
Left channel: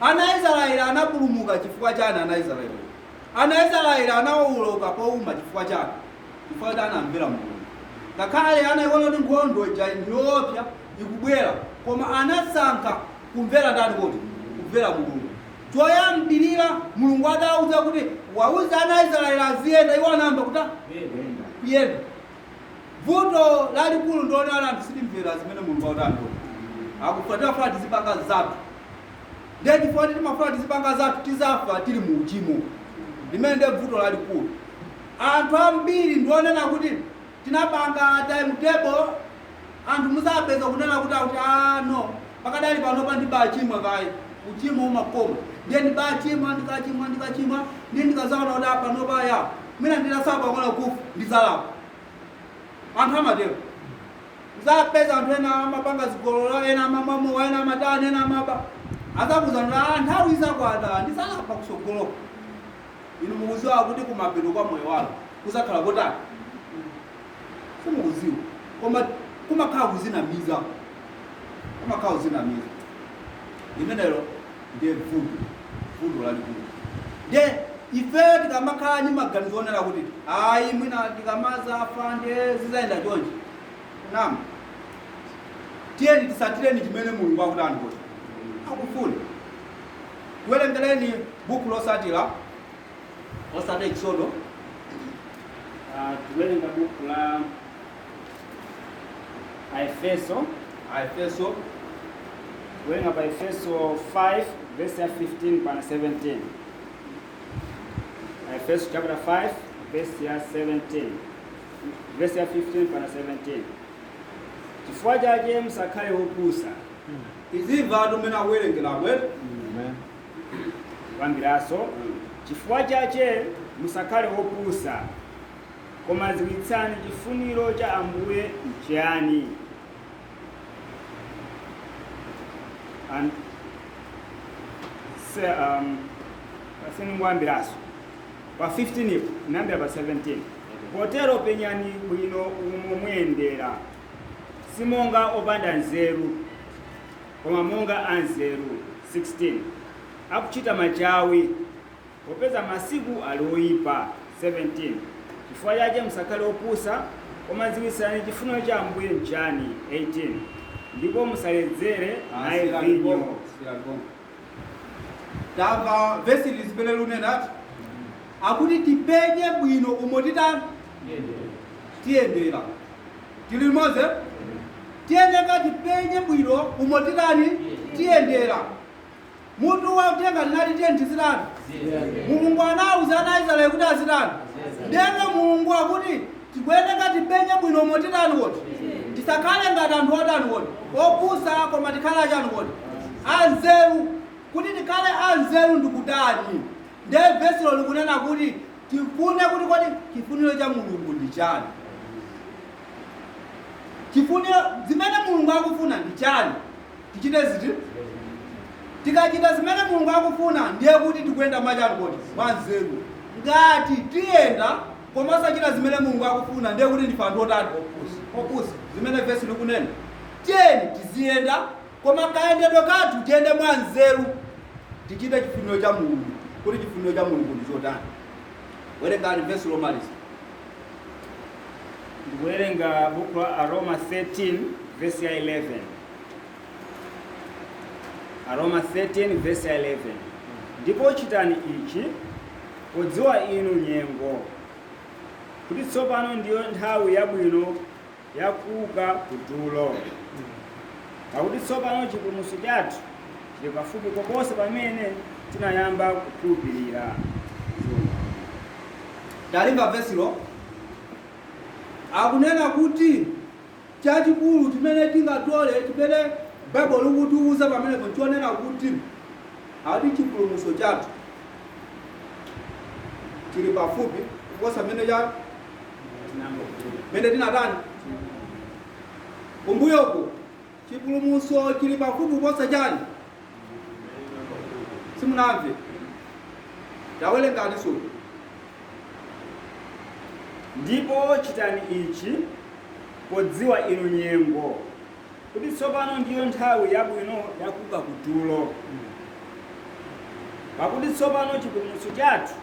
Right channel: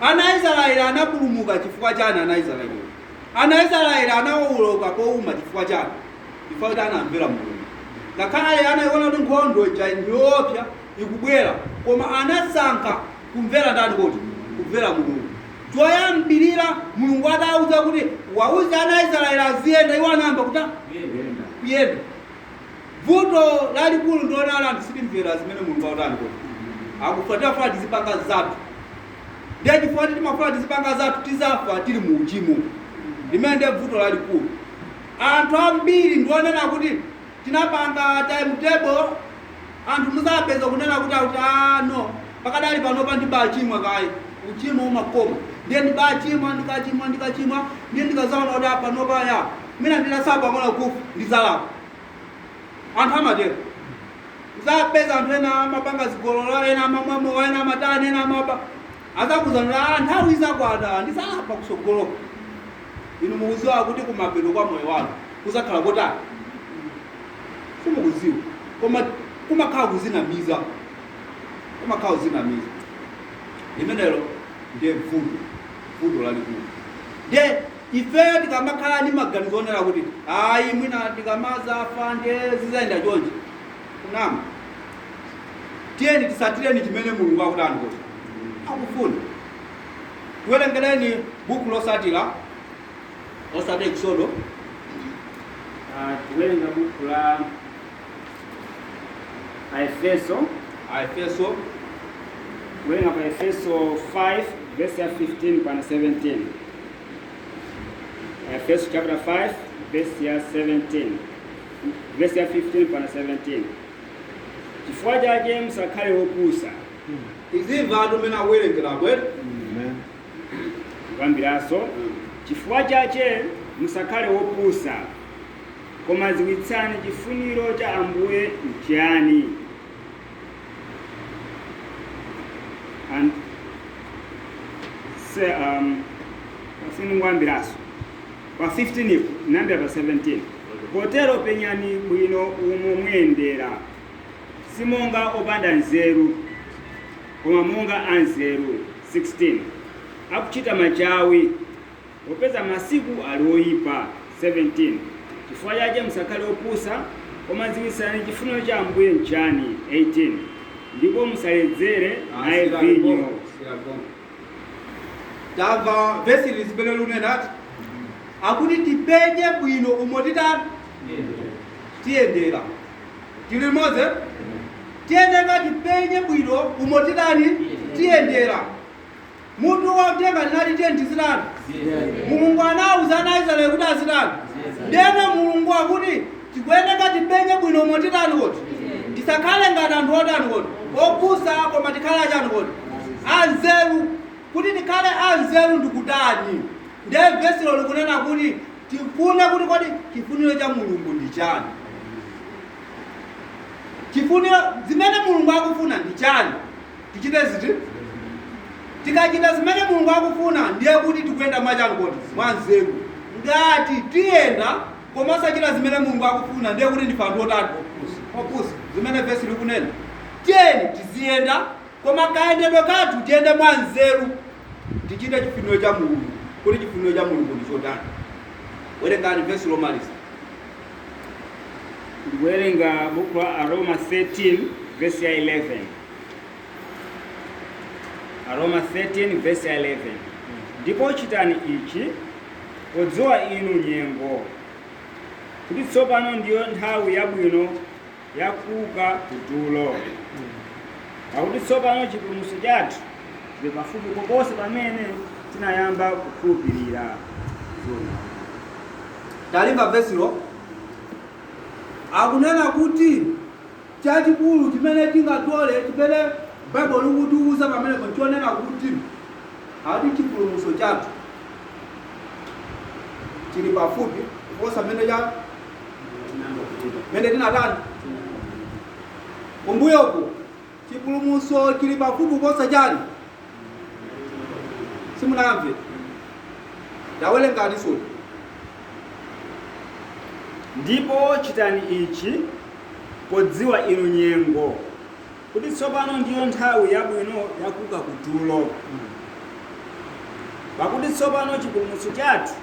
Ana Israeli anapulumuka chifukwa chani? Ana Israeli anawoloka powuma chifukwa chani? Chifukwa kuti anamvera Mulungu. Ngakhale anayiona kuti nkhondo ija ndiyoopsa ikubwera koma anasankha kumvera ndani kuti kumvera Mulungu. Choyambirira Mulungu adawuza kuti wauza ana Israeli aziyenda, iwo anayamba kuyenda. Vuto lalikulu ndiona anthu sitimvera zimene Mulungu akutani kuti akufuatira funa tizipanga zathu. Ndiye chifukwa timafuna tizipanga zathu tizafa tili mu uchimo. Limene ndiye vuto lalikulu. Anthu ambiri ndionena kuti tinapanga timetable, anthu muzapeza kunena kuti no pakadali panopa ndibachimwa kayi uchimo umakoma. Ndiye ndibachimwa ndikachimwa ndiye ndikazaona kuti panopa ya mina ndinasaba mwana kufa ndizalapa. Anthu amatero uzapeza anthu ena amapanga zigololo, ena amamwamo, ena amatani, ena amapa azakuzanira nthawi izakwana ndisalapa kusogoloko. Inu mukuziwa kuti kumapeto kwa moyo wanu kuzakhala kotani? Simukuziwa koma kumakhala kuzinamiza. Limenelo ndiye vuto lalikulu. Ndiye ife tikamakhala ndi maganizo onera kuti ayi mwina tikamazafa ndiye zizayenda chonchi. Naam, tiyeni tisatireni chimene Mulungu akutani kuti akufuna. Kuwerengereni buku losatira Exodo. Tiwerenga buku la Efeso. Kuwerenga pa Efeso 5 verse 15 pana 17. Efeso chapter 5 verse 17. Verse 15 pana 17. Chifukwa chake musakhale opusa. Izimva anthu amene akuwerengera bwere. Amen. Kwambiraso chifukwa chake musakhale opusa koma ziwitsani chifuniro cha Ambuye nchiyani. And say kwambiraso pa 15 nambira pa 17. Potero penyani bwino umo mwendera simonga opanda nzeru koma monga anzeru. 16 akuchita machawi popeza masiku alioyipa. 17 chifukwa chake musakhale opusa koma ziwitsani chifuniro cha Ambuye nchiyani. 18 ndipo musaledzere naye vinyo. Tamva vesi lizimene lunenati akuti tipenye bwino umo titani tiyendera. Tili limodzi? Tiyendeka tipenye bwino umo titani tiyendera. Mutu wa Uthenga linati tiyeni tizitani. Mulungu anawuza ana Israeli kuti azitani. Ndeno Mulungu akuti tikuyendeka tipenye bwino umo titani kuti tisakhale ngati anthu otani kuti opusa koma tikhale achani kuti anzeru. Kuti tikhale anzeru ndikutani? Ndiye vesilo likunena kuti tifune kuti kodi chifuniro cha Mulungu ndi chani. Chifuniro zimene Mulungu akufuna ndi chani? Tichite ziti? Tikachita zimene Mulungu akufuna ndiye kuti tikuyenda mwachani kuti mwanzeru. Ngati tiyenda koma osachita zimene Mulungu akufuna ndiye kuti ndife anthu otani opusa. Zimene vesi likunena tiyeni tiziyenda koma kayendedwe kathu tiyende mwanzeru tichite chifuniro cha Mulungu. Kuti chifuniro cha Mulungu ndi chotani? Werengani vesi lomaliza. Ndikuwerenga buku la Aroma 13 verse 11. Aroma 13 verse 11. Ndipo chitani ichi podziwa inu nyengo kuti tsopano ndiyo nthawi yabwino yakuuka kutulo. pakuti tsopano chipulumutso chathu chili pafupi koposa pamene tinayamba kukhulupirira. Talimba vesilo akunena kuti chachikulu chimene tingatole chimene Bible likutiuza pamene chonena kuti ati chipulumutso chathu chili pafupi kuposa mene tinatani kumbuyoko. Chipulumutso chili pafupi kuposa chani simunamve ndawelenga soti. Ndipo chitani ichi podziwa inu nyengo kuti tsopano ndiyo nthawi yabwino yakuka kutulo, pakuti tsopano chipulumutso chathu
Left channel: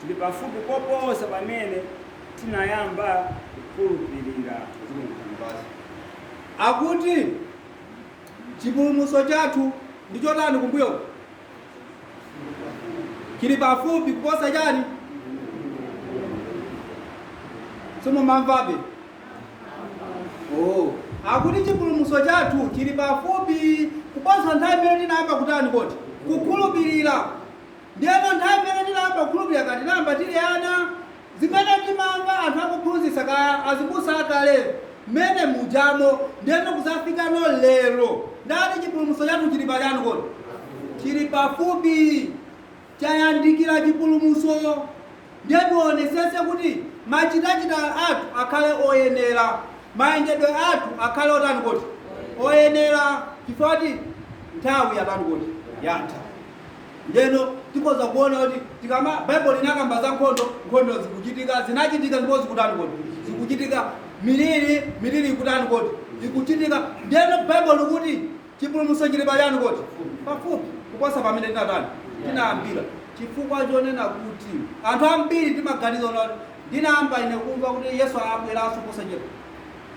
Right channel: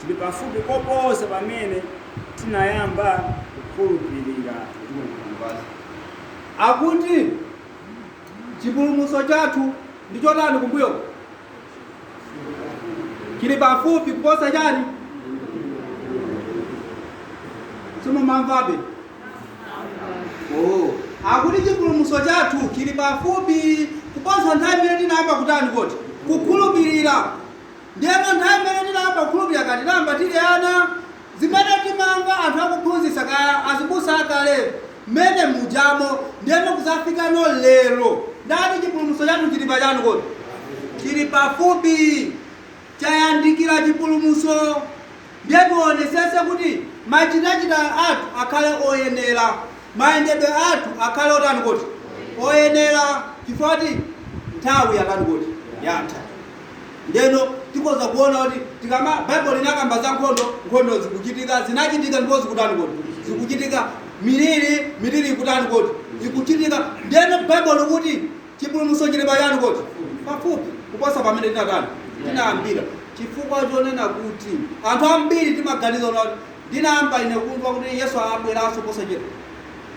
chili pafupi koposa pamene tinayamba kukhulupirira. Akuti chipulumutso chathu ndicho tani kumbuyo chili pafupi kuposa chani simumamvabe. Akuti chipulumutso chathu chili pafupi kuposa nthawi imene tinayamba kutani koti kukhulupirira. Ndiyeno nthawi imene tinayamba kukhulupirira kati tinayamba tili ana zimene timamva anthu akuphunzitsa kaya azibusa akale mmene mujamo ndiyeno kusafika no lero ndati chipulumutso chathu chili pachani koti chili pafupi chayandikira chipulumutso. Ndiye tionesese kuti machitachita athu akhale oyenera, mayendedwe athu akhale otani koti oyenera, chifukwa nthawi yatani koti yatha. Ndiyeno tikoza kuona kuti tikama Bible linakamba za nkhondo zikuchitika, zinachitika ndipo zikutani koti zikuchitika, miliri ikutani koti ikuchitika. Ndiyeno Bible kuti chipulumutso chili pachani koti pafupi kuposa pamene tinatani tinayambira. Chifukwa chonena kuti anthu ambiri timaganiza kuti ndinayamba ine kumva kuti Yesu abweranso posa chedwa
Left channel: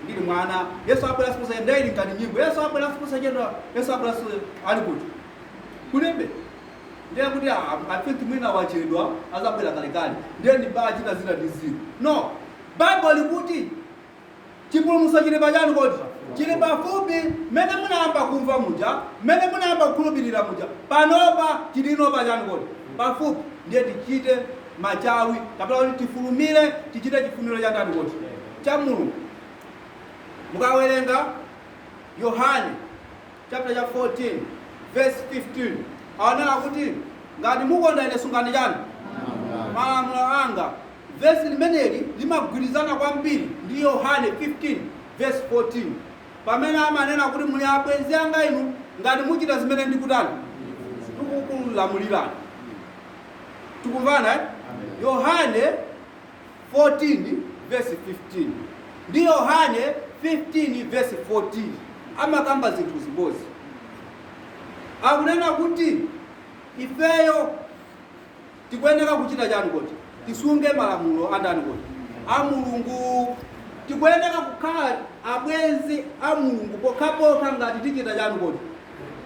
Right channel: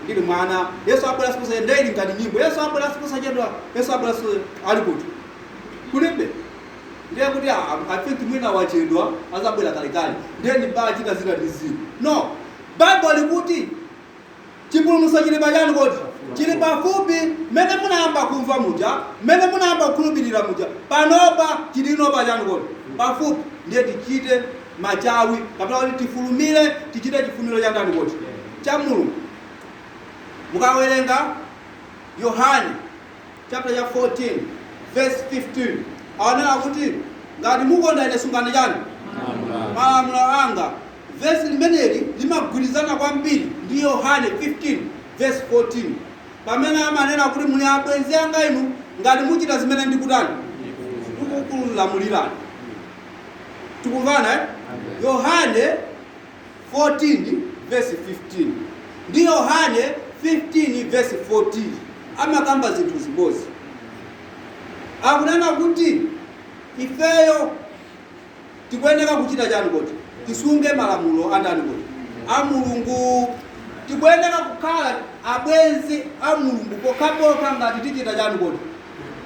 ndili mwana, Yesu abweranso posa chedwa ndili ngati nyimbo, Yesu abweranso posa chedwa, Yesu abweranso ali kuti kulibe. Ndiye kuti I think mwina wachedwa azabwera kalekale ndiye ndibachita zina ndizimu. No, Bible kuti chipulumutso chili pachani koti chili pafupi mmene munayamba kumva muja, mmene munayamba kukhulupirira muja, panopa chilino pachani koti pafupi. Ndiye tichite machawi kapena kuti tifulumire tichite chifuniro cha ndani koti cha Mulungu. Mukawerenga Yohane chapter 14 verse 15 aonera kuti ngati mukonda ine sungani chani malamulo anga. Verse limeneli limagwirizana kwambiri ndi Yohane 15 verse 14 pamene amanena kuti muli abwenzi anga inu ngati muchita zimene ndikutani ndikukulamulirani. Tikumvana Yohane 14 verse 15 ndi Yohane 15 verse 14 amakamba zinthu zimodzi. Akunena kuti ifeyo tikuyenera kuchita chani koti tisunge malamulo andani koti a Mulungu. Tikuyenera kukhala abwenzi a Mulungu pokapoka ngati tichita chani koti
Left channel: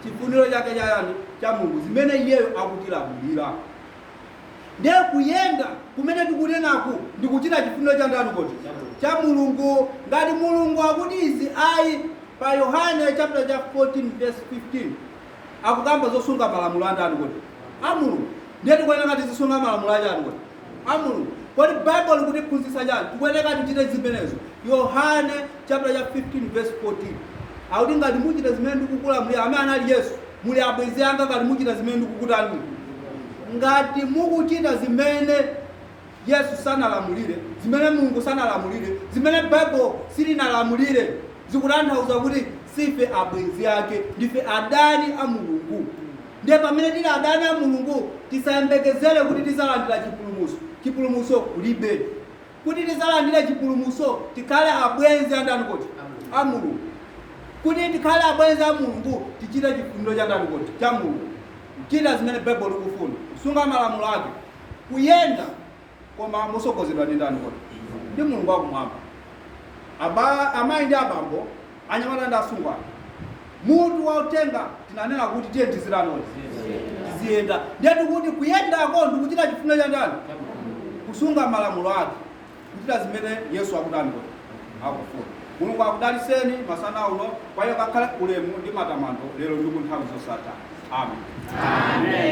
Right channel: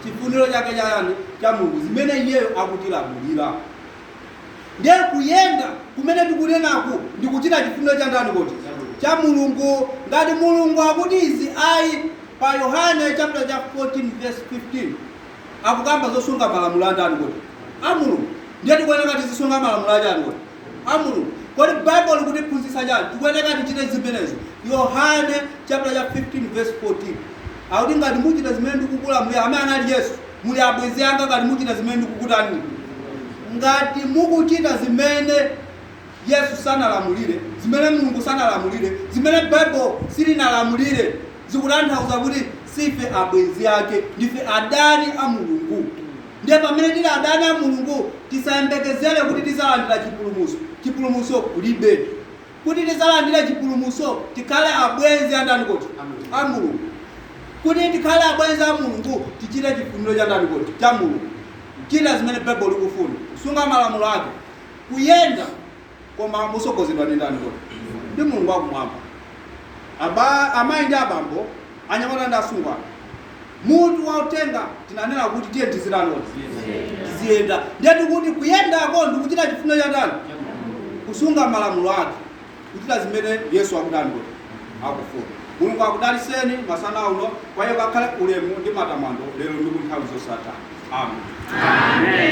chifuniro chake chayani cha Mulungu zimene iyeyo akutilamulira. Ndiye kuyenda kumene tikunenaku ndikuchita chifuniro cha ndani koti cha Mulungu. Ngati Mulungu akuti izi ayi pa Yohane chapter 14 verse 15 akukamba zosunga malamulo andani koti a Mulungu. Ndiye tikuyenera ngati zisunga malamulo achani koti a Mulungu. Kodi Bible kuti phunzitsa chani tikuyenera tichite zimenezo. Yohane chapter 15 verse 14 akuti ngati muchita zimene ndikukulamulira amene anali Yesu muli abwenzi anga ngati muchita zimene ndikukutani. Ngati mukuchita zimene Yesu sanalamulire, zimene Mulungu sanalamulire, zimene Bible silinalamulire, zikutanthauza kuti sife abwenzi ake, ndife adani a Mulungu. Ndiye pamene tili adani a Mulungu tisayembekezere kuti tizalandira chipulumutso. Chipulumutso kulibe. Kuti tizalandira chipulumutso tikhale abwenzi andani koti a Mulungu. Kuti tikhale abwenzi a Mulungu tichite chifuniro cha ndani koti cha Mulungu. Chila zimene Bible likufuna kusunga malamulo ake kuyenda koma musogozedwa ndi ndani koti ndi Mulungu wakumwamba. Amayi ndi abambo anyamata ndi asungwana mutu wa Uthenga tinanena kuti tiye tizirani koti tiziyenda. Ndiye tikuti kuyendako ndikuchita chifuniro cha ndani kusunga malamulo ake kuchita zimene Yesu akudani koti akufuna. Mulungu akudaliseni masana uno, kwa hiyo kakhale ulemu ndi matamando lero ndi ku nthawi zosatha. Amen.